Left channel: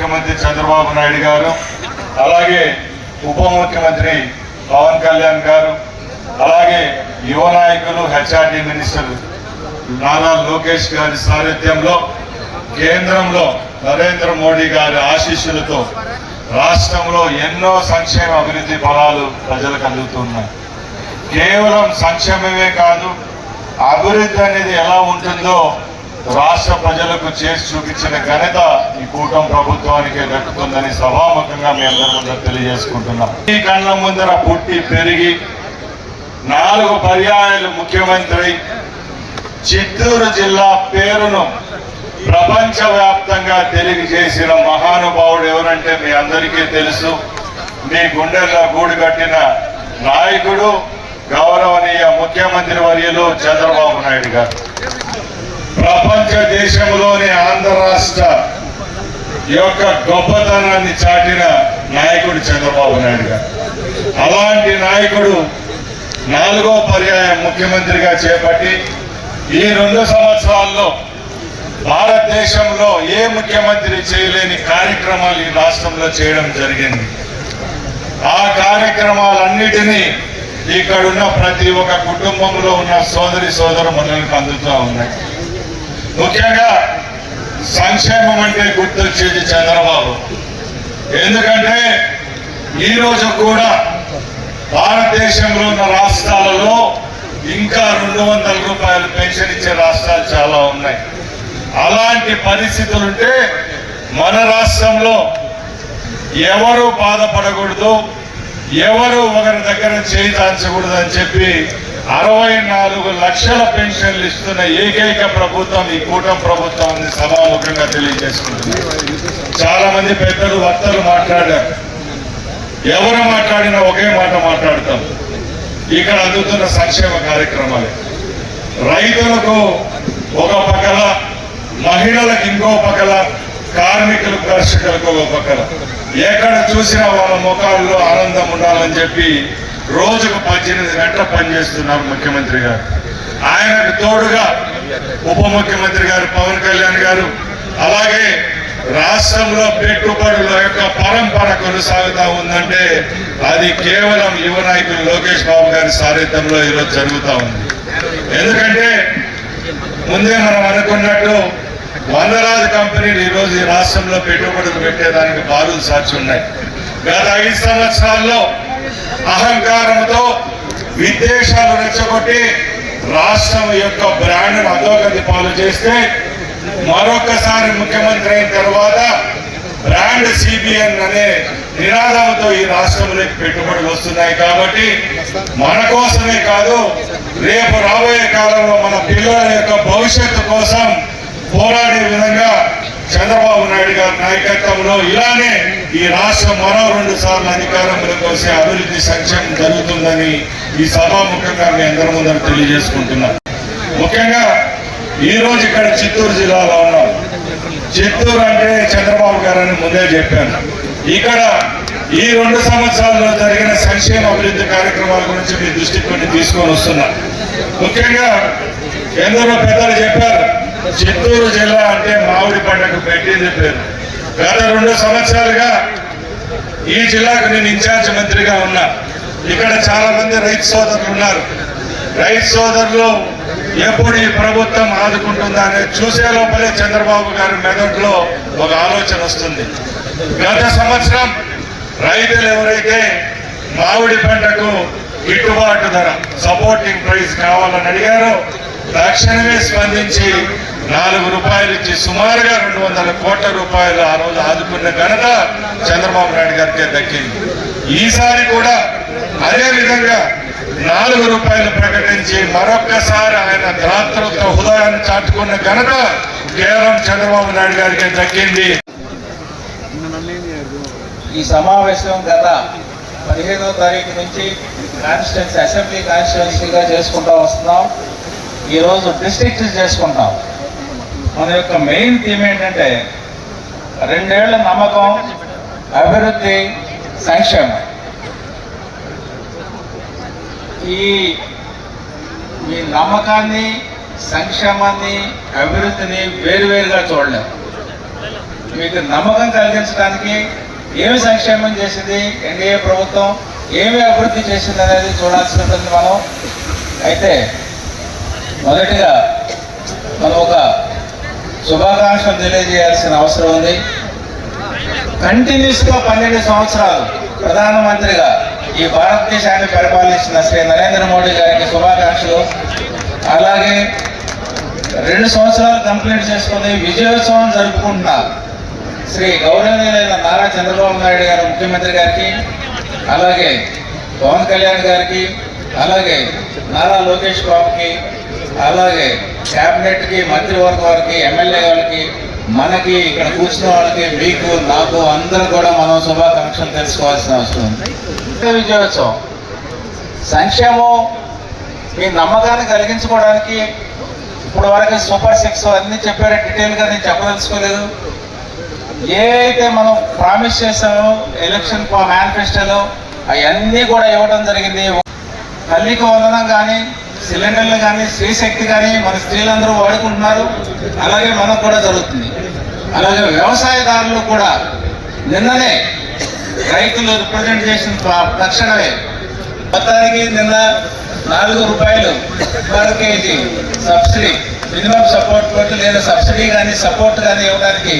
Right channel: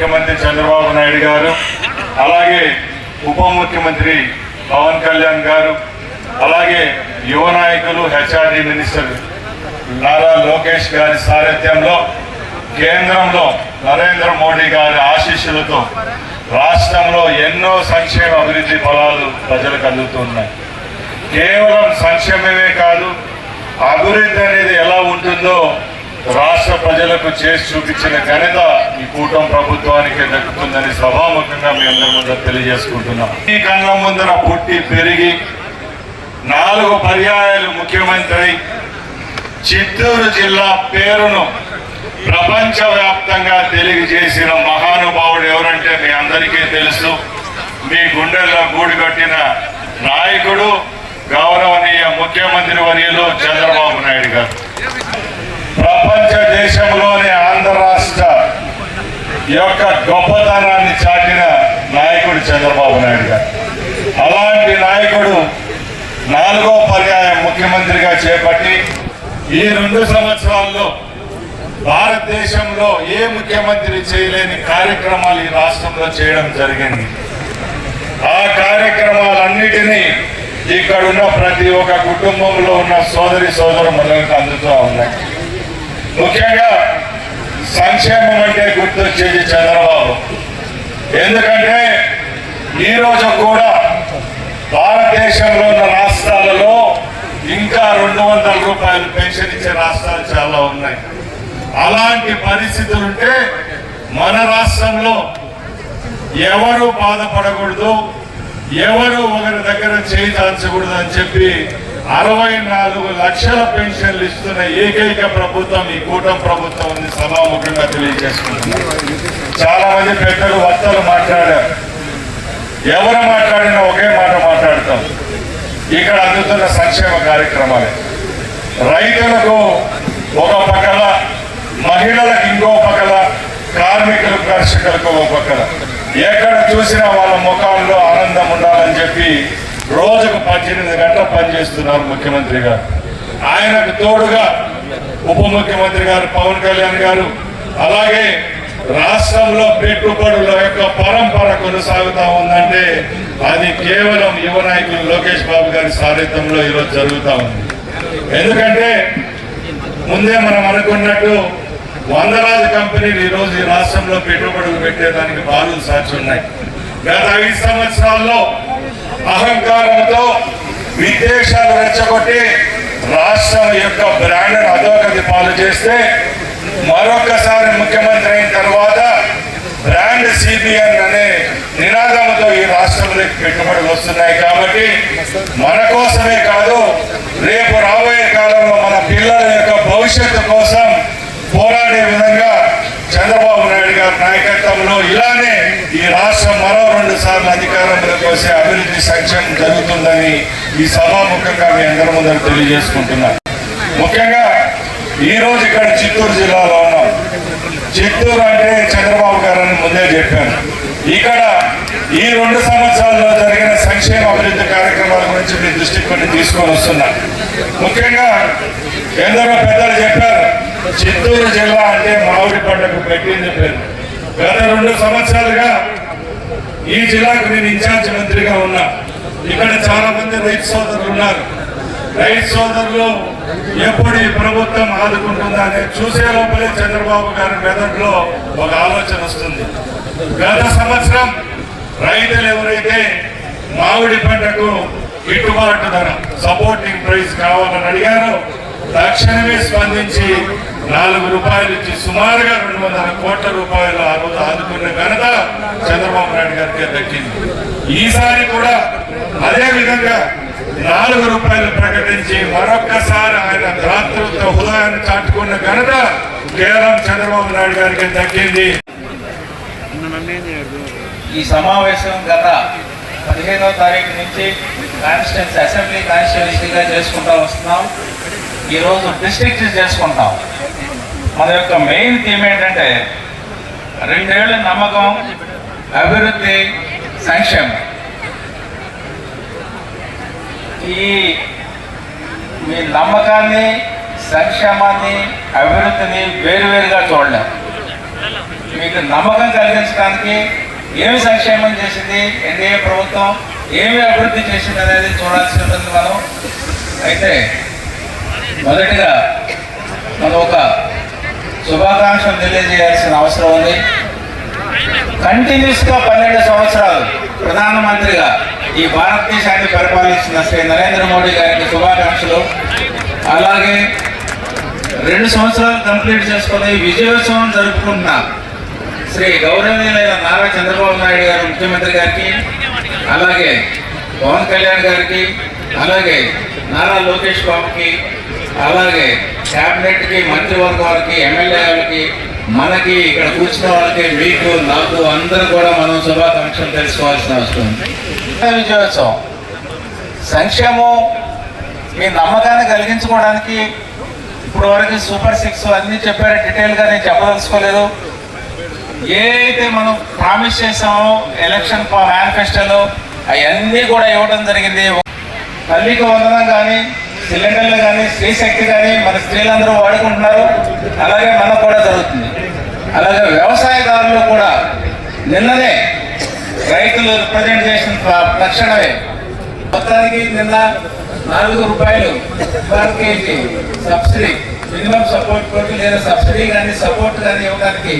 ముఖ్యమంత్రి చంద్రబాబు నాయుడు గారు, అలాగే ఉప ముఖ్యమంత్రి పవన్ కళ్యాణ్ గారు, అలాగే యువ నాయకులు హెచ్ఆర్డీ మినిస్టర్ నారా లోకేష్ గారి సారథ్యంలో కేంద్రంలో నరేంద్ర మోడీ గారి ఆశీస్సులతో రాష్ట్రంలో ఎన్నో సంక్షేమ అభివృద్ధి ఫలాలు ప్రజలకు అందుతున్నాయి. కేవలం సంక్షేమమే కాదు, అభివృద్ధి అనేది ఎలా ఉంటుందో రాష్ట్ర ప్రజలకు చేసి చూపించిన ఘనత ఈ కూటమి ప్రభుత్వానికి దక్కుతుందని సభాముఖంగా మీ అందరి ముందర తెలియజేసుకుంటున్నాం. ఈ కళ్ళ ముందర పుట్టి పెరిగి 4 పర్యాయాలు ముఖ్యమంత్రి చిత్తూరు జిల్లా పేరును ప్రపంచవ్యాప్తంగా తెలియజేసిన మహానుభావుడు ఎవరంటే మీ అందరికీ తెలుసు. మీ గుండెల్లో గూడు కట్టిన నాయకుడు గౌరవనీయ ముఖ్యమంత్రి వర్యులు చంద్రబాబు నాయుడు గారు. ప్రపంచ దేశంలోని ఆంధ్ర రాష్ట్ర యొక్క గొప్పతనాన్ని చాటిన నాయకుడు చంద్రబాబు నాయుడు గారు. అలాంటి నాయకుడు 4వ పర్యాయం ముఖ్యమంత్రిగా చేపట్టి ఈ 2 సంవత్సరాల్లో భారతదేశంలో ఏ ముఖ్యమంత్రి చేయలేని కార్యక్రమాలు ఈ రాష్ట్రంలో చేయడం జరిగింది. ఆ కార్యక్రమాలన్నిటినీ ఇక్కడ ఉన్న ప్రతి ఒక్క కుటుంబంలో ఉన్న సోదరి సోదరులకు అందుతూ ఉన్నాయి. ముఖ్యంగా సంక్షేమం అంటే గుర్తొచ్చేది చంద్రబాబు. ఎందుకంటే ఈరోజు కూడా భారతదేశంలో ఉన్న రాష్ట్రాలలో ఇంకా 200 రూపాయలు పెన్షన్ ఇచ్చే రాష్ట్రాలు చాలా ఉన్నాయి. అలాంటి పరిస్థితులుంటే మన రాష్ట్రంలో ఎవరు బాధపడకూడదు, ఎవరు ఒకరి దగ్గర చేయి దాల్చకూడదు అని చెప్పి 64 లక్షల పెన్షన్లు ఇస్తున్న ఏకైక ప్రభుత్వం ఈ కూటమి ప్రభుత్వం సభాముఖంగా తెలియజేసుకుంటుంది. చాలా మంది పెద్దలు వక్తలు మాట్లాడారు. ఎవరు మాట్లాడినా ఒకే మాట మాట్లాడతాం. ఇక్కడ అందుతున్న సంక్షేమ కార్యక్రమాలు రైతులకు ఒక పక్కల, మహిళలకు ఇంకో పక్కల, కార్మికులు కర్షకులకు ఒక పక్కల. ఎక్కడ చూసినా వాళ్ళ ముఖాల్లో ఆనందం ఉండాలని చెప్పి రోజుకు 18 గంటలు పనిచేస్తున్నారు ముఖ్యమంత్రి గారు. ఆయనకు తోడుగా ఉప ముఖ్యమంత్రి గారు పవన్ కళ్యాణ్ గారు, అలాగే రాష్ట్రంలో పెట్టుబడుల యొక్క పరంపర కొనసాగుతా ఉందంటే అది కేవలం యువ నాయకులు లోకేష్ బాబు గారి సారథ్యంలో ఈరోజు జరుగుతూ ఉంది. ఎందుకంటే ముందే మనం అనుకున్నట్టు వందలాది కంపెనీలు ఈరోజు ఈ రాష్ట్రంలో పెట్టుబడులు పెట్టేదానికి బారులు సాక్షి ఉన్నాయి. గత 5 సంవత్సరాల్లో అహంకారంతో విదేశాలు రెచ్చగొట్టి రాష్ట్రం యొక్క బ్రాండ్ అధోగతి పాలు చేస్తే మరొకసారి ముఖ్యమంత్రి అయిన తర్వాత బ్రాండ్ సిబిఎన్ అనే నినాదంతో ఈ రాష్ట్రంలోకి పెట్టుబడులు వస్తున్నాయి. కాబట్టి మన కోసమే కాదు, రేపు రాబోయే కాలంలో మన పిల్లల యొక్క భవిష్యత్తు కోసం పోరాడే విధంగా చంద్రబాబు నాయుడు గారి నాయకత్వంలో ఇలానే ఈ రాష్ట్రం మరో 2 సార్లు అధికారంలోకి వస్తే అభివృద్ధి సంక్షేమం జరుగుతుందని ఈ సభాముఖంగా మీ అందరి ముందర తెలియజేసుకుంటున్నా. ముఖ్యంగా ఈ రోజు ఇక్కడ చిత్తూరు జిల్లాలో ఉన్నాం. చిత్తూరు అంటే చంద్రబాబు గారు అని ముందే చెప్పాను. ఇక్కడ ఈ 2 సంవత్సరాల్లో జరిగిన సంక్షేమ అభివృద్ధి కార్యక్రమాల గురించి మీ దృష్టికి తీసుకొని వస్తున్నా. ముఖ్యంగా ఎందరో పెద్దలు చెప్పారు, చిత్తూరు జిల్లా అంటే మామిడి పంటకు పెట్టింది పేరు. గత 2 సంవత్సరాలుగా ఈ జిల్లాకు నేను ఇన్ఛార్జ్ మంత్రిగా ఉన్నా. ఇక్కడ చాలా మంది రైతు సోదరులు ఉన్నారు. రైతు సోదరులు ఎప్పుడు ఈ ప్రభుత్వం ఆదుకుంటుందా అని చూసే లోపలే చంద్రబాబు గారి మెదడులో ఒక ఆలోచన వస్తుంది. గత సంవత్సరం రైతులు ఎవరైతే మామిడి పంటకు గిట్టుబాటు ధర, సపోర్టింగ్ ప్రైస్ కావాలని అడిగారో తక్షణమే స్పందించి 4 రూపాయలు ఇచ్చి సుమారుగా 200 కోట్ల రూపాయలు ఆ రోజు ఆదుకున్న ఘనత చంద్రబాబు నాయుడు గారికి దక్కింది. ఈసారి కూడా అదే విధంగా 4 రూపాయలు ప్రకటించి మరొక్కసారి ఆయన దాతృత్వ హృదయాన్ని చాటుకున్న ఘనత కేవలం చంద్రబాబు నాయుడు గారికి దక్కింది. ఈ సమావేశం గత 15వ తారీఖు నుంచి కాన్స్టిట్యున్సీ అసెంబ్లీ కాన్స్టిట్యున్సీగా చేసుకుంటూ వస్తున్నాం. ఈరోజు డిస్ట్రిక్ట్ చేసుకుంటాం. మన యొక్క మెయిన్ థీమ్ ఏంటంటే 2 ఏళ్ల నమ్మకం, అభివృద్ధి, సంక్షేమం. మీ నమ్మకాన్ని, సంక్షేమాన్ని, అభివృద్ధిని వేరువేరుగా చూడలేం. మీకు నమ్మకం కలిగించడానికి ఏమి సంక్షేమం చేసింది ఎన్డీఏ ప్రభుత్వం, ఏమి అభివృద్ధి చేసింది అనేది చూడాల్సి ఉంటుంది మనం. అయితే మొదటిగా మనం ఒక శుభాకాంక్షలు తెలియజేయాల్సిన అవసరం ఉంది. కంటిన్యూస్గా 12 సంవత్సరాలు ప్రధానమంత్రిగా ఈ భారతదేశాన్ని పరిపాలించిన శ్రీ నరేంద్ర మోడీ గారికి శుభాకాంక్షలు. అలాగే 2 సంవత్సరాలు కంప్లీట్ చేసుకుని విజయోత్సవం జరుపుకుంటున్న శ్రీ గౌరవనీయులైన నారా చంద్రబాబు నాయుడు గారు ముఖ్యమంత్రి గారికి, అలాగే పవన్ కళ్యాణ్ గారికి, అలాగే నారా లోకేష్ బాబుకి, అలాగే క్యాబినెట్కి, మంత్రివర్గ వారికి, ఎమ్మెల్యే గారికి, మనకి ఇక్కడ కూర్చున్న వాళ్ళకి, మీకు, నాకు అందరూ కూడా మనం శుభాకాంక్షలు తెలుసుకోవాల్సిన అవసరం ఉంది. విజయోత్సవం సంక్షేమం మీ నమ్మకాన్ని కలిగించుకోవడానికి ఇప్పుడు వరకు సూపర్ 6 అన్నీ చెప్పారు. డీటెయిల్గా నేను చెప్పదలుచుకోలేదు. ఏ అయితే మనం ప్రామిస్ చేసామో ఎలక్షన్ మేనిఫెస్టోలో అవన్నీ కూడా ఇవ్వడం జరిగింది. తల్లికి వందనం కానీ, సిలిండర్లు కానీ, స్త్రీ శక్తి కానీ మన స్త్రీలందరూ వాడుకుంటున్నారు. అలాగే మనకు కూడా జరుగుతుంది. అలాగే వ్యవసాయదారులు కూడా నిన్ననే రైతులు రిప్రజెంట్ చేసిన తక్షణమే మొత్తానికి నిన్న 4 రూపాయలు per KG subsidy, minimum support court లేదా సబ్సిడీ కానీ సపోర్ట్ కానీ ఇవ్వడానికి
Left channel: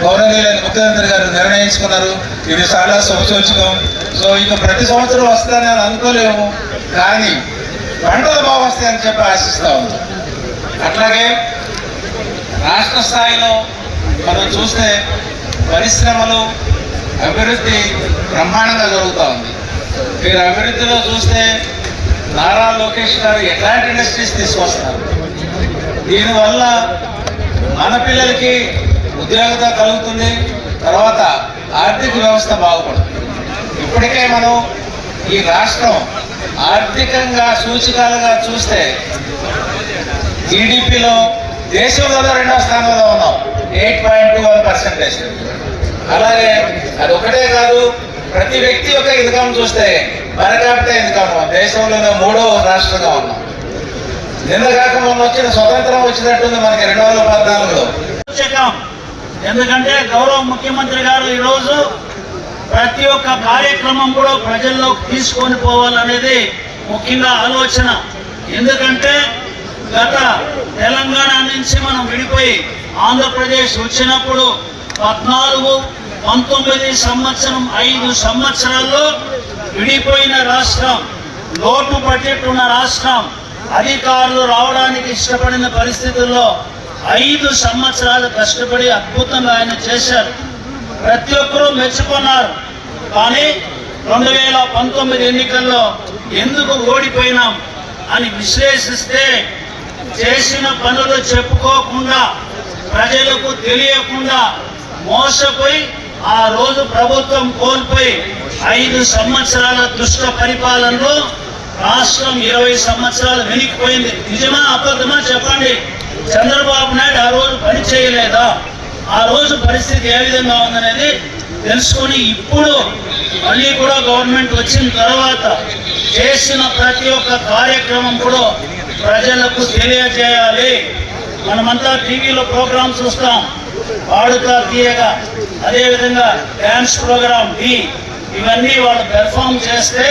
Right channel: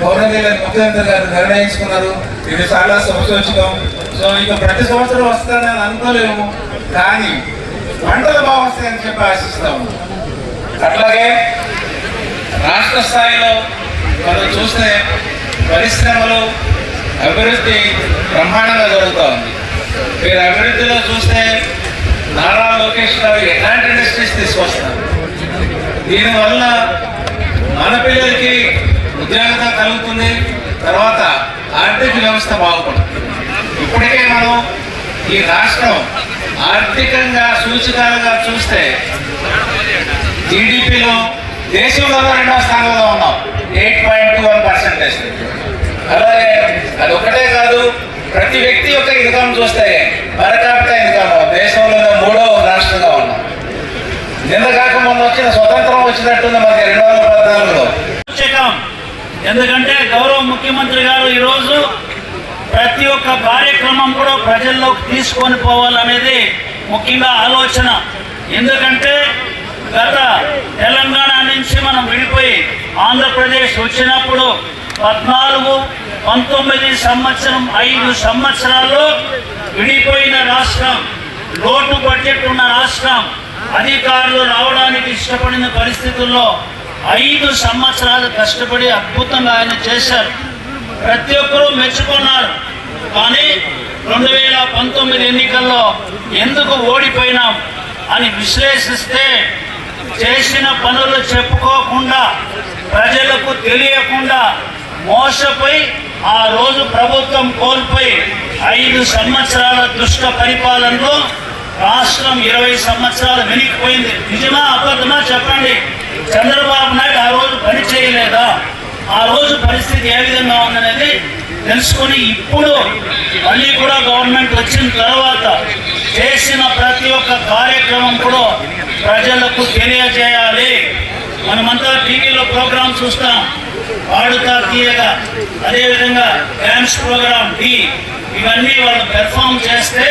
గౌరవనీయులైన ముఖ్యమంత్రి గారు నిర్ణయించుకున్నారు. ఇది చాలా శుభసూచకం. సో ఇక ప్రతి సంవత్సరం వస్తుందని అనుకోలేము, కానీ పంటలు బాగా వస్తాయని చెప్పి ఆశిస్తా ఉన్నాం. అట్లాగే రాష్ట్ర స్థాయిలో మనం చూస్తే పరిశ్రమలు అభివృద్ధి బ్రహ్మాండంగా జరుగుతూ ఉంది. మీరు అభివృద్ధిలో చూస్తే నారా లోకేష్ గారు ఎలాంటి ఇండస్ట్రీస్ తీసుకొస్తున్నారు. దీనివల్ల మన పిల్లలకి ఉద్యోగత కలుగుతుంది, తర్వాత ఆర్థిక వ్యవస్థ బాగుపడుతుంది. ఇప్పటికే మనం ఈ రాష్ట్రం ఆర్థికంగా సూచికలుగా చూస్తే జీడిపిలో దేశంలో 2వ స్థానంలో ఉన్నాం, 8.21%. అలాగే అది ఒకటే కాదు, ప్రతి వ్యక్తి యొక్క ఇన్కమ్ చూస్తే పర్ క్యాపిటల్ ఇన్కమ్ దేశంలో 3వ రాష్ట్రంగా ఉన్నాం. నిన్న కాక మొన్న వచ్చిన స్వతంత్రం వచ్చినట్టుంది మనకి 2014లో. ఎందుకంటే గౌరవ ముఖ్యమంత్రి గారు ఈరోజు ప్రతి ఒక్క కార్యక్రమం కూడా ప్రజల్లోకి తీసుకొని పోవాలనేది ముఖ్యంగా ఆలోచన. ఎందుకంటే గత తెలంగాణ నుంచి మనం విడిపోయి ఆంధ్రప్రదేశ్ వచ్చినప్పుడు 14, 19 సంవత్సరం 5 సంవత్సరాల్లో విడిపోయిన రాష్ట్రం, లోటు బడ్జెట్ ఉన్న రాష్ట్రం, అధికారులు రావడానికి ఇష్టపడిన పరిస్థితుల్లో 5 సంవత్సరాలు కష్టపడి అద్భుతంగా ఆయన చేశారు. ప్రతి ఒక్కరూ మెచ్చుకున్నారు. కానీ 2019 ఎన్నికల్లో ఎందుకు ఓడిపోయినాం అని విశ్లేషిస్తే చేసిన పనులు చెప్పుకోకుండా, ప్రజలకు తెలియకుండా మోసపోయి ఆ రోజు ప్రభుత్వం కోల్పోయి 5 సంవత్సరాల దుష్ట పరిపాలనలో రాష్ట్రం 20 సంవత్సరాలు వెనక్కిపోయింది. నిజమా అబద్ధమా చెప్పండి. చంద్రబాబు నాయుడు ఆ రోజు పని చేయలేదా? ఆ రోజు పరిస్థితి ఏ విధంగా ఉందనేది తెలుసుకుని ఇప్పుడు మళ్ళీ కూడా గవర్నమెంట్ వచ్చిన తర్వాత చేసిన ప్రతి ఒక్క కార్యక్రమం కూడా ప్రజలకు తెలియజేయాలి. మనమంతా టీవీలో ప్రోగ్రామ్ చూస్తాం, పాడుతా తీయగా, అదేవిధంగా డ్యాన్స్ ప్రోగ్రామ్ డి, ఇవన్నీ వాళ్ళు పెర్ఫామ్ చేస్తే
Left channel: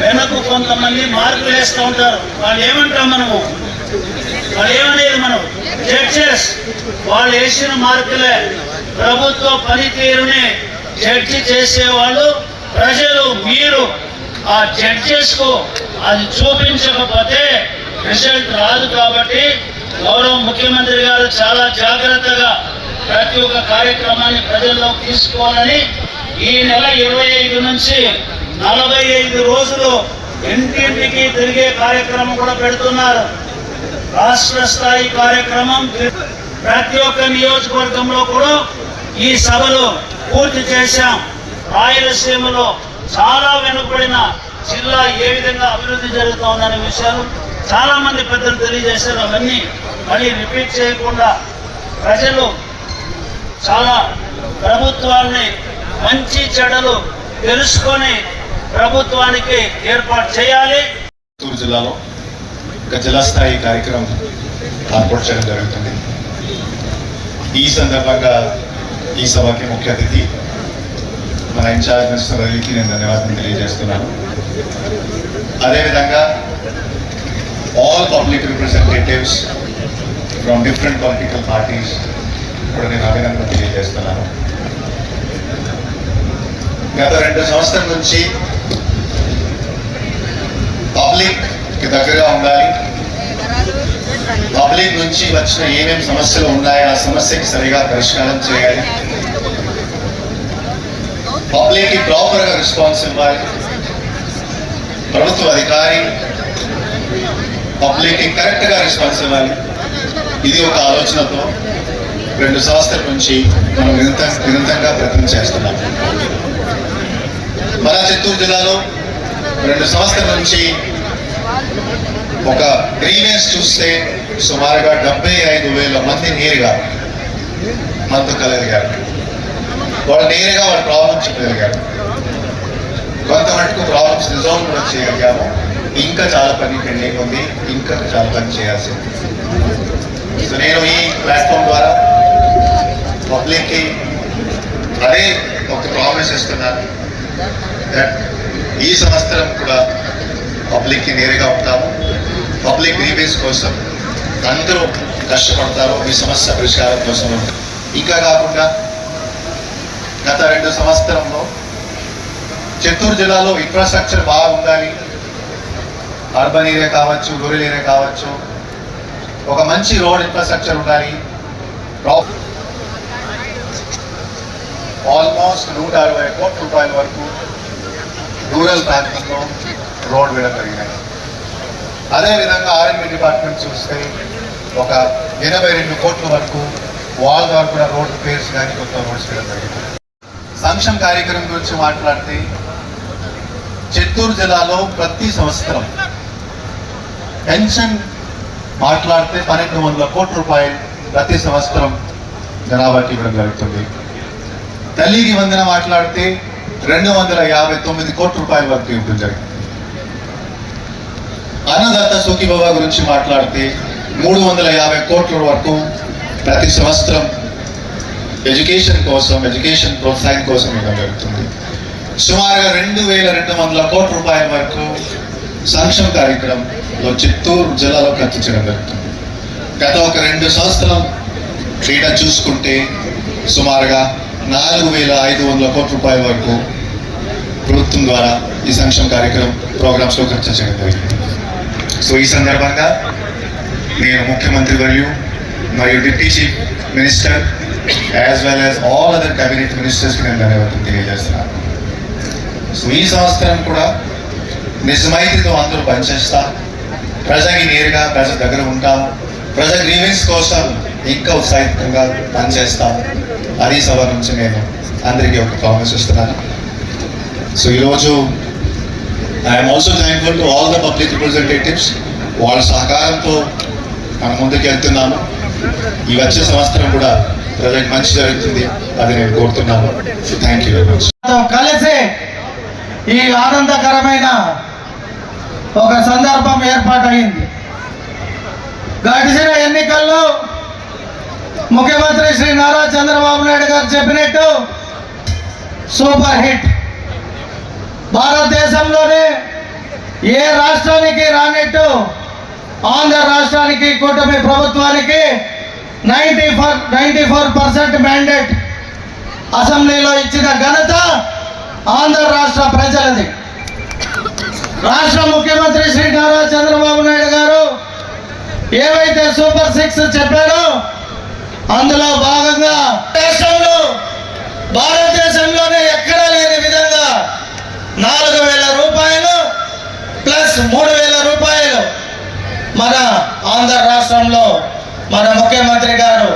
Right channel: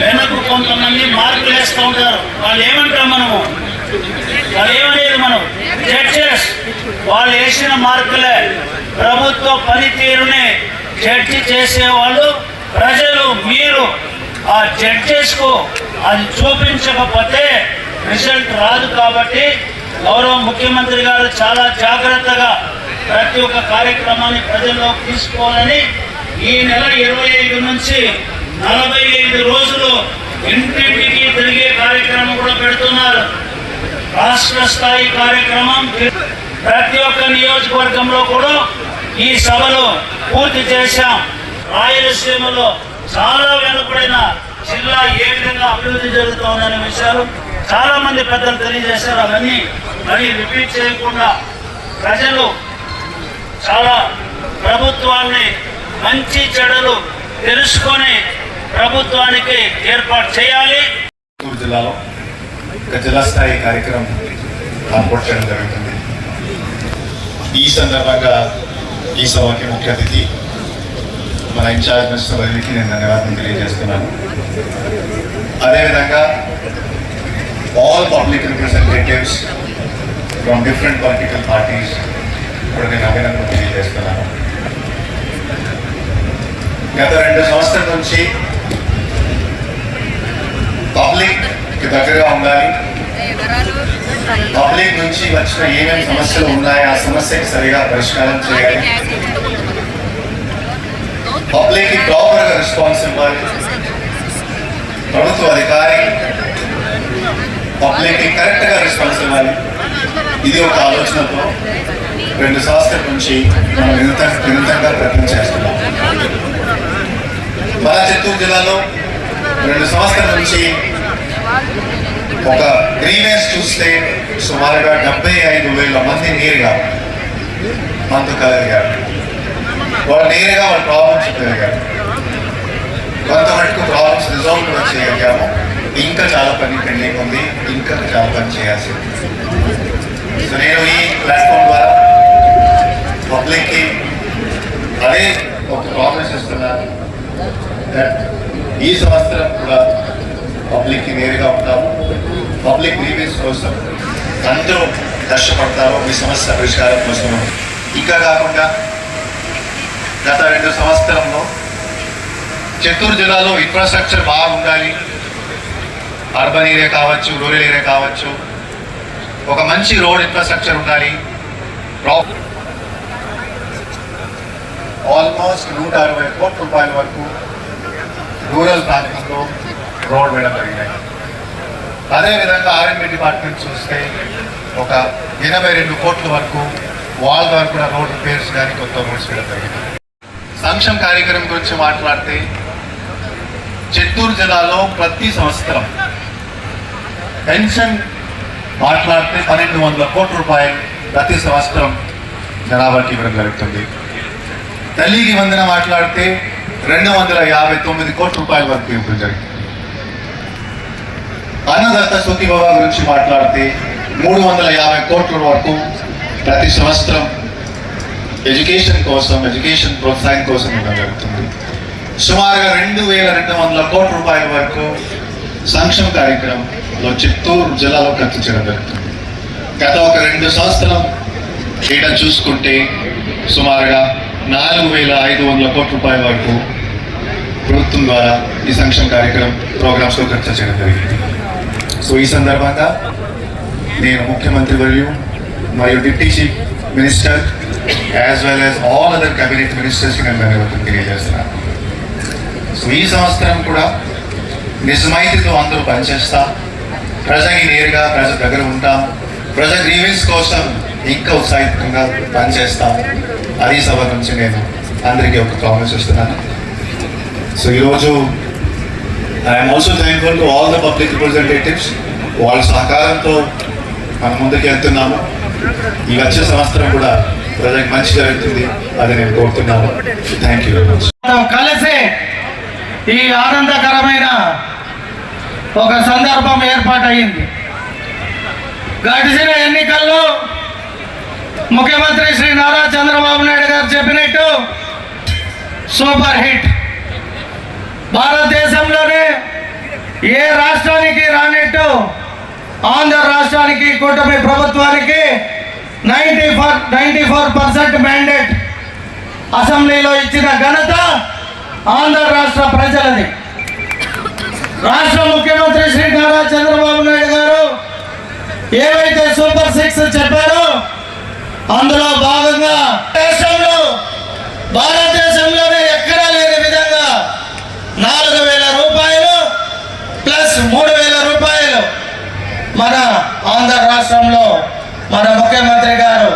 వెనక్కు కొంతమంది మార్కులు వేస్తూ ఉంటారు. వాళ్ళు ఏమంటారు, వాళ్ళు ఏమనేది మనం జడ్జెస్, వాళ్ళు వేసిన మార్కులే ప్రభుత్వ పనితీరుని జడ్జి చేసేవాళ్ళు ప్రజలు. మీరు ఆ జడ్జెస్ కు అది చూపించకపోతే రిజల్ట్ రాదు. కాబట్టి గౌరవ ముఖ్యమంత్రి గారు చాలా జాగ్రత్తగా ప్రతి ఒక్క కార్యక్రమాన్ని ప్రజల్లోకి తీసుకోవాలని ఈ నెల 25 నుంచి 45 రోజులు ఇంటింటికి తిరిగే కార్యక్రమం కూడా పెడుతున్నారు. రాష్ట్ర స్థాయి కార్యక్రమం ప్రతి ఒక్క నియోజకవర్గంలో కూడా ఈ సభలో పూర్తి చేశాం. రాయలసీమలో చాలా వెనుకబడిన జిల్లా ఏ విధంగా అభివృద్ధి జరుగుతుందనే విషయాలు చాలా మంది పెద్దలు తెలియజేశారు. అవన్నీ మళ్ళీ రిపీట్ చేయకుండా ప్రజలు చాలా ప్రభుత్వాన్ని మంచి చెడులు తెలుసుకొని ప్రభుత్వానికి ఏర్పాటు చేయాలి. చిత్తూరు జిల్లాలో ఒక జిల్లా స్థాయి కార్యక్రమం ఏర్పాటు చేయడం జరుగుతుంది. ఈ సందర్భంగా ఈ సభకి ముఖ్య అతిథి మన ఇన్ఛార్జ్ మినిస్టర్ వర్యులకి నేను ధన్యవాదాలు తెలియజేస్తున్నాను. అదేవిధంగా all public representatives from different political parties కూడా నేను అభినందనలు తెలియజేస్తున్నాను. గత 2 సంవత్సరాల నుంచి పబ్లిక్కి దగ్గరగా ఉండాలి, పబ్లిక్ నుంచి వచ్చిన ఏమేమి సమస్యలు ఉన్నాయో ఆ సమస్యకి సరిగా పరిష్కారం చేయాలి, పబ్లిక్కి ప్రాపర్గా రెస్పాన్స్ ఇవ్వాలి, ప్రభుత్వ అధికారి పబ్లిక్కి కరెక్ట్గా రెస్పాన్స్ ఇవ్వాలి. ఇది ఒక ఆలోచనతో 2 సంవత్సరాల నుంచి మనం నిరంతరంగా ప్రయత్నం చేస్తున్నాం. మన చిత్తూరు జిల్లాలో 2 సంవత్సరాల నుంచి ఒక గ్రీవెన్స్ చూస్తే సుమారుగా 75,000 మంది నేరుగా మనతో కలగలిగారు. వాళ్ళు నేరుగా వాళ్ళ ప్రాబ్లమ్స్ చెప్పగలిగారు. కొంత మటుకు ప్రాబ్లమ్స్ రిజాల్వ్ కూడా చేయగలిగాము. ఇంకా చాలా పని పెండింగ్ ఉంది, ఇంకా చాలా పని చేయాల్సి ఉంది. సో నేను ఈ ప్లాట్ఫామ్ ద్వారా పబ్లిక్కి అదే ఒక ప్రామిస్ ఇస్తున్నాను. ఈ సంవత్సరం కూడా పబ్లిక్కి నేరుగా ఉంటారు, పబ్లిక్ గ్రీవెన్స్ కోసం అందరూ కష్టపడతారు, మీ సమస్య పరిష్కారం కోసం. ఇంకా కాకుండా గత 2 సంవత్సరంలో చిత్తూరు జిల్లాలో ఇన్ఫ్రాస్ట్రక్చర్ బాగుండాలి, అర్బన్ ఏరియా కావచ్చు, రూరల్ ఏరియా కావచ్చు, ఒక మంచి రోడ్ ఇన్ఫ్రాస్ట్రక్చర్ ఉండాలి. ఆల్మోస్ట్ 160 కోట్ల రూపాయల వరకు రూరల్ ప్రాంతంలో రోడ్ వేయడం జరిగినాయి. అదేవిధంగా ఆర్ఎండ్బి డిపార్ట్మెంట్ చూస్తే ఒక 82 కోట్ల వరకు వాల్ ద్వారా కూడా రోడ్ రిపేర్స్ కానీ కొత్త రోడ్స్ వేయడం జరిగింది. సంక్షేమ కార్యక్రమం గురించి మాట్లాడితే చిత్తూరు జిల్లాలో ప్రతి సంవత్సరం పెన్షన్ మాట్లాడితే 1,200 కోట్ల రూపాయలు ప్రతి సంవత్సరం జనాభాకి ఇవ్వడం జరుగుతుంది. తల్లికి వందన మాట్లాడితే 259 కోట్ల రూపాయల వరకు ఇవ్వడం జరిగింది. అన్నదాత సుఖీభవ గురించి మాట్లాడితే 350 కోట్ల వరకు ప్రతి సంవత్సరం ఎడ్యుకేషన్ కోసం, ఎడ్యుకేషన్ ప్రోత్సాహం కోసం ఇవ్వడం జరుగుతుంది. సుమారుగా 2,200 కోట్ల రూపాయల వరకు సంక్షేమ కార్యక్రమంలో చిత్తూరు జిల్లాలో ఖర్చు చేయడం జరుగుతుంది. గత ఒక 2 సంవత్సరం డేటా చూసుకుంటే సుమారుగా 4,500 కోట్ల రూపాయల వరకు ప్రభుత్వం ద్వారా ఈ సంక్షేమ కార్యక్రమం ప్రోగ్రామ్స్లో ఖర్చు చేయడం జరిగింది. సో ఈ సందర్భంగా నేను ముఖ్యమంత్రి వర్యులు మరియు deputy chief minister as well as all other cabinet మినిస్టర్స్కి నేను ధన్యవాదాలు తెలియజేస్తున్నాను. సో ఈ సంవత్సరం కూడా నిజమైతితో అందరూ పనిచేస్తాం, ప్రజకి నేరుగా ప్రజల దగ్గర ఉంటాం, ప్రజల గ్రీవెన్స్ కోసం ఇంకా ఉత్సాహితంగా పనిచేస్తాం. అది సభ నుంచి నేను అందరికీ ఒక ప్రామిస్ ఇస్తున్నాను. సో ఈరోజు I'm also thankful to all the public representatives. వాళ్ళ సహకారంతో మనం ముందుకు వెళ్తున్నాము. ఈ వచ్చే సంవత్సరం కూడా ప్రజలకు మంచి జరుగుతుంది, అది నేను కోరుతున్నాను. Thank you very much. కలిసి ఈ ఆనందకరమైన ఒక సందర్భం ఏర్పాటైంది. గడిచిన ఎన్నికల్లో ముఖ్యమంత్రి శ్రీ నారా చంద్రబాబు నాయుడు గారు చెప్పినట్టు సూపర్ హిట్. భారతదేశంలోనే ఏ రాష్ట్రానికి రానట్టు ఆంధ్ర రాష్ట్రానికి కూటమి ప్రభుత్వానికి 94% మ్యాండేట్ అసెంబ్లీలో ఇచ్చిన ఘనత ఆంధ్ర రాష్ట్ర ప్రజలది. రాష్ట్ర ముఖ్యమంత్రి శ్రీ నారా చంద్రబాబు నాయుడు గారు ఏవైతే సూపర్ 6 చెప్పాడో అందులో భాగంగా దేశంలో భారతదేశంలోనే ఎక్కడా లేని విధంగా 4,000 రూపాయలు ప్లస్ 3,000 రూపాయలు మన ఆంధ్ర రాష్ట్రంలో మన ముఖ్యమంత్రి గారు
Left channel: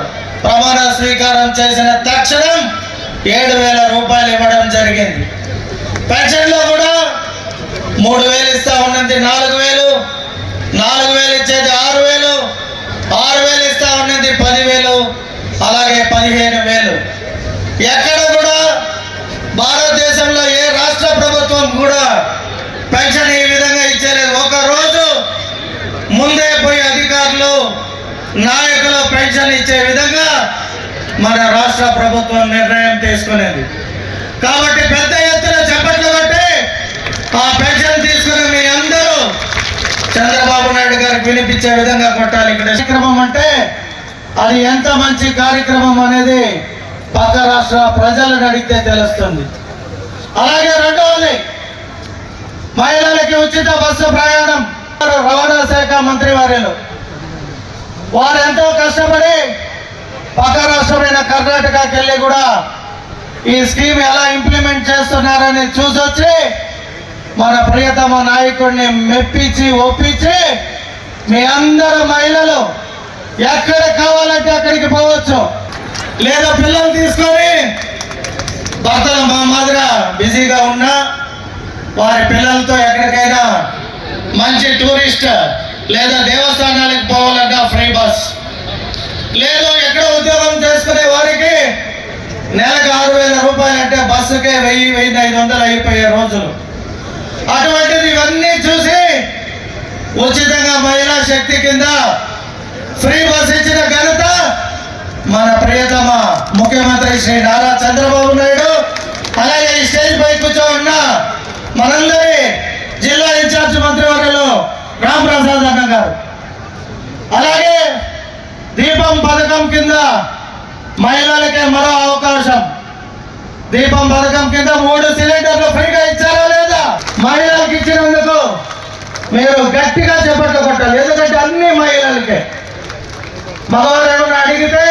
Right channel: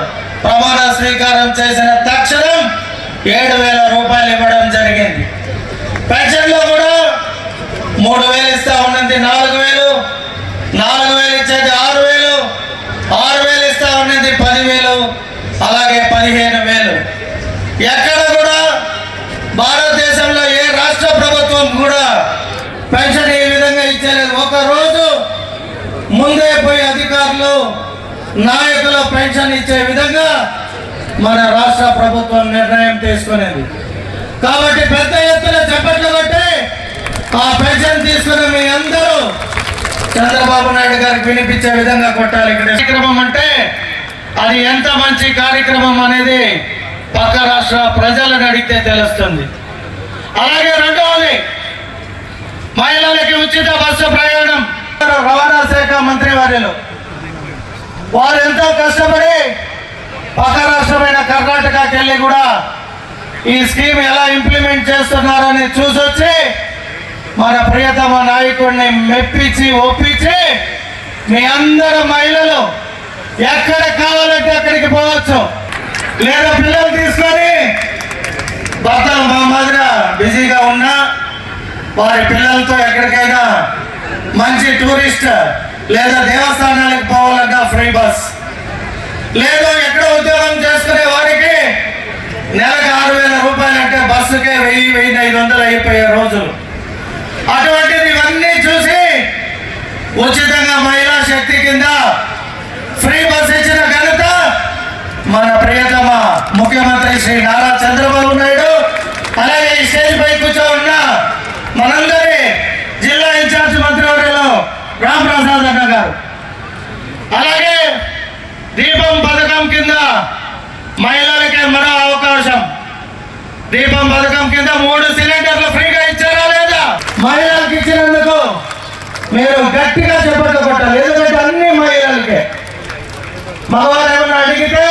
ప్రమాణ స్వీకారం చేసిన తక్షణం 7,000 రూపాయలు ఇవ్వడం జరిగింది. పెన్షన్లో కూడా 3,000 ఇస్తా ఉన్నది 4,000, 4,000 ఇచ్చేది 6,000, 6,000 ఇస్తా ఉన్నది 10,000, అలాగే 15,000. ఎక్కడ కూడా భారతదేశంలో ఏ రాష్ట్ర ప్రభుత్వం కూడా పెన్షన్ ఈ విధంగా ఇచ్చేలేదు. ఒక రోజు ముందే పోయి అధికారులు నాయకులు పెన్షన్ ఇచ్చే విధంగా మన రాష్ట్ర ప్రభుత్వం నిర్ణయం తీసుకునేది. కాబట్టి పెద్ద ఎత్తున చప్పట్లు కొట్టి ఆ పెన్షన్ తీసుకుని మీ అందరూ చంద్రబాబు నాయుడు గారికి వినిపించే విధంగా కొట్టాలి. ఇక్కడ కార్యక్రమం అంటే అది ఎంత మంచి కార్యక్రమం అనేది పక్క రాష్ట్ర ప్రజలను అడిగితే తెలుస్తుంది. అలాగే రెండవది, మహిళలకి ఉచిత బస్సు ప్రయాణం. రవాణా శాఖ మంత్రి వర్యులు వారు ఎంతో కష్టపడి పక్క రాష్ట్రమైన కర్ణాటకకి వెళ్ళి కూడా ఈ స్కీమ్ ఎలా ఇంప్లిమెంట్ చేస్తున్నారని చూసొచ్చి మన ప్రియతమ నాయకుడిని మెప్పించి ఒప్పించి మీ అందరూ మహిళలు ఎక్కడ కావాలంటే అక్కడికి పోవచ్చు. లేదా పిల్లలు తీసుకొని భర్తలు మా మాదిర బిజీగా ఉన్నా వారి పిల్లలతో ఎక్కడికైనా మంచి టూరిస్ట్ లేదా దేవస్థానాలకు పోవాలన్నా ఫ్రీ బస్, లేదా ఎక్కడ ఉద్యోగం చేసుకునే వారికి నెలకు 6,000 రూపాయలు అంటే బస్సుకే 1,000-1,500 అయిపోయే రోజులు. అటువంటిది ఇవన్నీ చూసి ఉచితంగా మహిళా శక్తి కింద ఫ్రీ బస్ ఇచ్చిన ఘనత మన ప్రియతమ ముఖ్యమంత్రి శ్రీ నారా చంద్రబాబు నాయుడు, అలాగే ఈ స్టేజ్ పై కూర్చో ఉన్న మనందరి జిల్లా ఇన్ఛార్జ్ మంత్రివర్యులు రామప్రసాద్ అన్న గారు. అలాగే దీపం పథకం కింద మహిళలకే మరో అవకాశం. దీపం పథకం కింద 3 సిలిండర్లు ఫ్రీగా ఇచ్చారా లేదా? మహిళలకు ఇచ్చినందుకు మీరు గట్టిగా చెప్పట్లు కొట్టాలి. ఎందుకంటే అన్ని మహిళలకే. మగవారు ఏమన్నా అడిగితే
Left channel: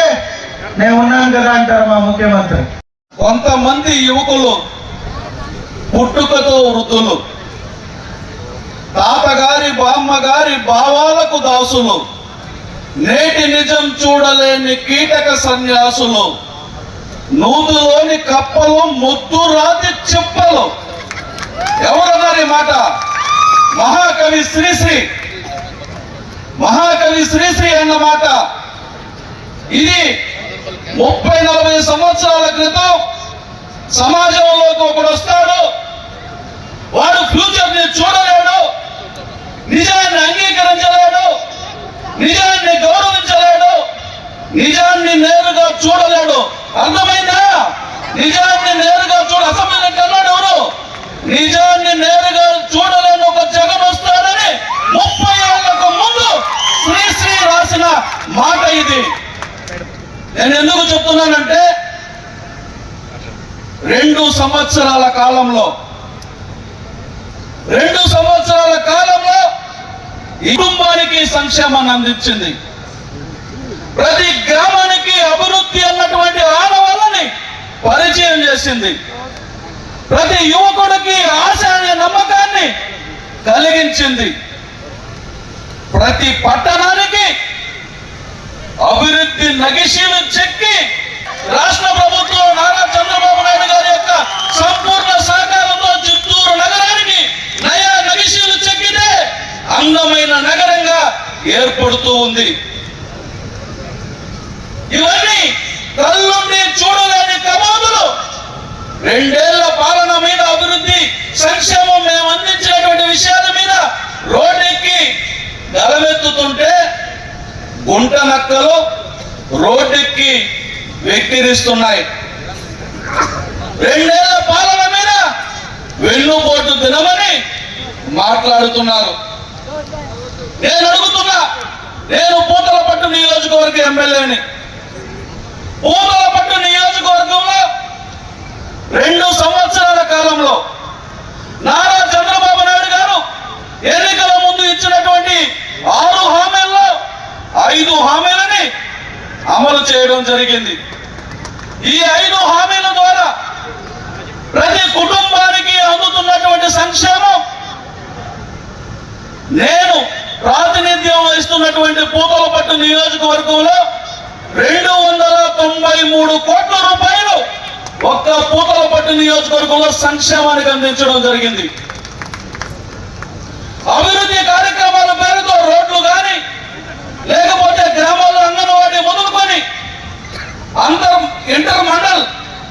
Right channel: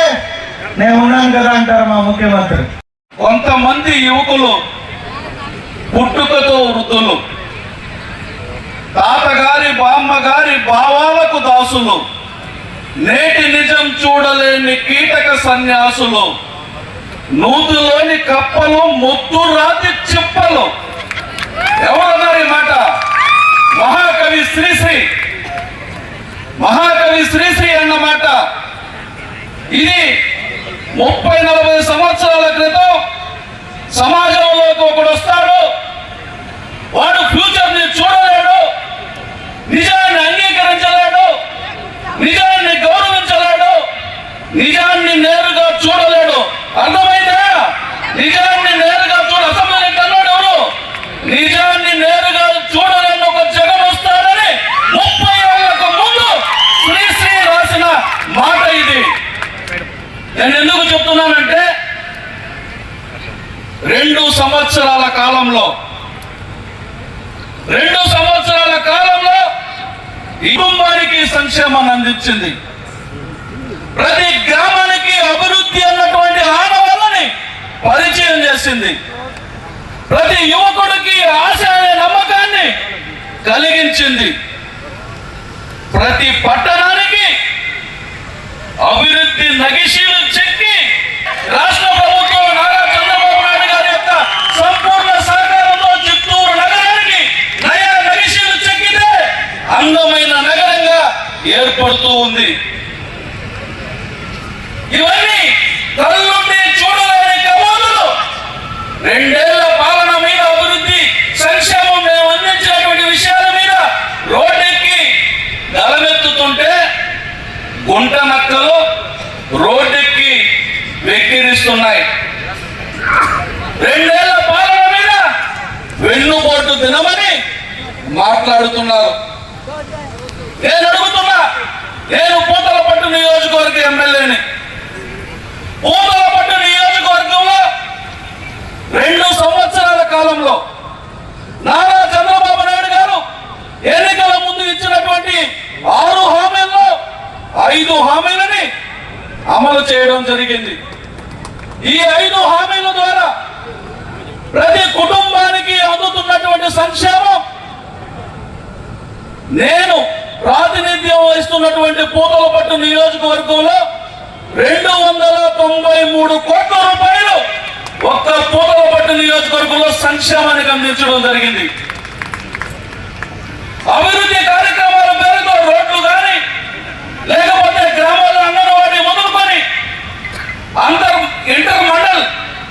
నేను ఉన్నాను కదా అంటారు మా ముఖ్యమంత్రి. కొంతమంది యువకులు పుట్టుకతో వృద్ధులు, తాతగారి బామ్మగారి భావాలకు దాసులు, నేటి నిజం చూడలేని కీటక సన్యాసులు, నూతులోని కప్పలు, ముద్దు రాతి చిప్పలు. ఎవరన్నారు ఈ మాట? మహాకవి శ్రీశ్రీ. మహాకవి శ్రీశ్రీ అన్నమాట. ఇది 30-40 సంవత్సరాల క్రితం సమాజంలోకి ఒకడు వస్తాడు, వాడు ఫ్యూచర్ ని చూడలేడు, నిజాన్ని అంగీకరించలేడు, నిజాన్ని గౌరవించలేడు, నిజాన్ని నేరుగా చూడలేడు. అర్థమైందా? నిజాన్ని నేరుగా అసమైనట్టు అన్నాడు ఎవరు? నిజాన్ని నేరుగా చూడలేని ఒక జగం వస్తాడని 30 ఏళ్లకు ముందు శ్రీశ్రీ రాసిన మాట ఇది. నేను ఎందుకు చెప్తున్నానంటే 2 సంవత్సరాల కాలంలో ఈ కుటుంబానికి సంక్షేమాన్ని అందించింది. ప్రతి గ్రామానికి అభివృద్ధి అన్నటువంటి ఆనవాళ్ళని పరిచయం చేసింది. ప్రతి యువకుడికి ఆశ అనే నమ్మకాన్ని కలిగించింది. ప్రతి పట్టణానికి అభివృద్ధి నగిశీలు చెక్కి రాష్ట్ర ప్రభుత్వం నారా చంద్రబాబు నాయుడు గారి యొక్క సంపూర్ణ సహకారంతో చిత్తూరు నగరానికి నయా నగిశీలు చెక్కితే అందమైన నగరంగా ఏర్పడుతూ ఉంది. ఇవన్నీ కళ్ళుండి చూడలేని కమానులు 2 ఏళ్ల పాలన మీద, అభివృద్ధి సంక్షేమం మేము అందించినటువంటి విషయాల మీద రోడ్డెక్కి గలమెత్తుతుంటే గుంట నక్కలు రోడ్డెక్కి వెక్కిరిస్తున్నాయి. 2 ఏళ్ల పాలన మీద వెన్నుపోటు దినమని మాట్లాడుతున్నారు. నేను అడుగుతున్నా, నేను పూతలపట్టు నియోజకవర్గ ఎమ్మెల్యేని. పూతలపట్టు నియోజకవర్గంలో 2 సంవత్సరాల కాలంలో నారా చంద్రబాబు నాయుడు గారు ఎన్నికల ముందు ఇచ్చినటువంటి 6 హామీల్లో 5 హామీలని అమలు చేయడం జరిగింది. ఈ 5 హామీల ద్వారా ప్రతి కుటుంబానికి అందుతున్నటువంటి సంక్షేమం నేను ప్రాతినిధ్యం వహిస్తున్నటువంటి పూతలపట్టు నియోజకవర్గంలో 293 కోట్ల రూపాయలు ఒక్క పూతలపట్టు నియోజకవర్గంలో సంక్షేమానికి అందించడం జరిగింది. అభివృద్ధి కార్యక్రమాల పేరుతో రోడ్లు కానీ, లేకపోతే గ్రామాల్లో అంగన్వాడీ మొదలుకొని ఇంటర్ మండల్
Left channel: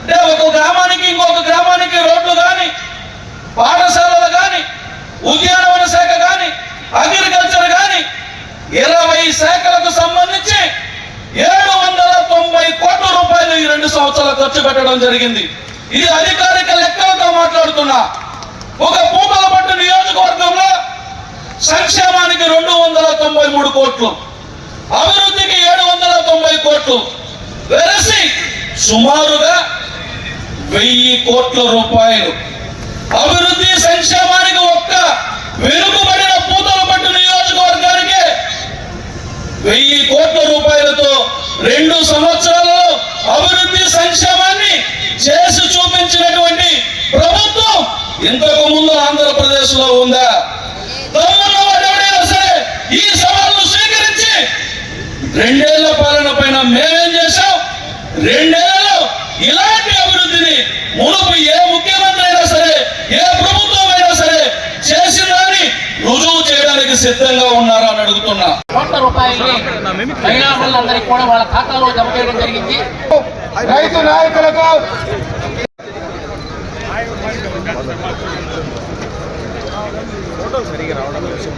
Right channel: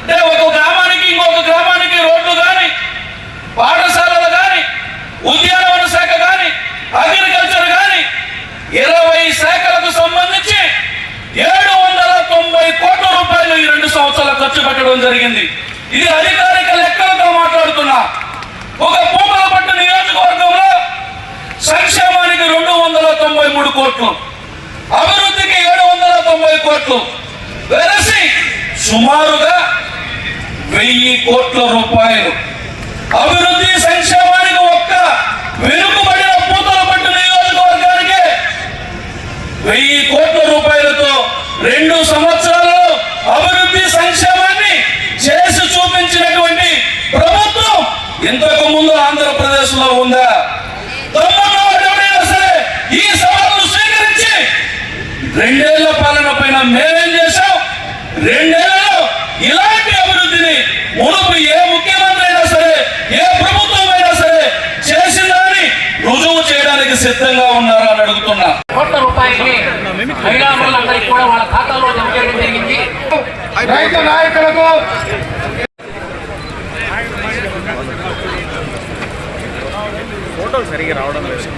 అంటే ఒక గ్రామానికి ఇంకొక గ్రామానికి రోడ్లు కానీ, పాఠశాలలు కానీ, ఉద్యానవన శాఖ కానీ, అగ్రికల్చర్ కానీ 20 శాఖలకు సంబంధించి 790 కోట్ల రూపాయలు చెప్పడం జరిగింది. ఇది అధికారిక లెక్కలతో మాట్లాడుతున్నా. ఒక పూతలపట్టు నియోజకవర్గంలో సంక్షేమానికి 293 కోట్లు, అభివృద్ధికి 790 కోట్లు వెరసి సుమారుగా 1000 కోట్ల రూపాయలు అభివృద్ధి సంక్షేమానికి ఒక్క వెనుకబడిన పూతలపట్టు నియోజకవర్గానికి 1000 కోట్ల రూపాయలతో 2 సంవత్సరాల్లో అభివృద్ధి సంక్షేమాన్ని చేసి చూపించినటువంటి ప్రభుత్వం ఇంతకు ముందు ఆంధ్రప్రదేశ్ లో ఉందా? ఈ సవాలు స్వీకరించి 2 ఏళ్ల పాలన పైన మేమేం చేశాం, 2 ఏళ్లలో ఇలాంటి అభివృద్ధిని మునుపు ఏ ముఖ్యమంత్రి అయినా సరే, ఏ ప్రభుత్వం అయినా సరే చేసిందని రుజువు చేయడానికి సిద్ధంగా ఉన్నారా అని అడుగుతున్నా. కోట్ల రూపాయల్ని మహిళా మనులందరికీ కూడా వాళ్ళ ఖాతాలో జమ చేయడం జరిగింది. రైతు నాయకులకు ఫోటోలు సరిగా రావడం లేదు.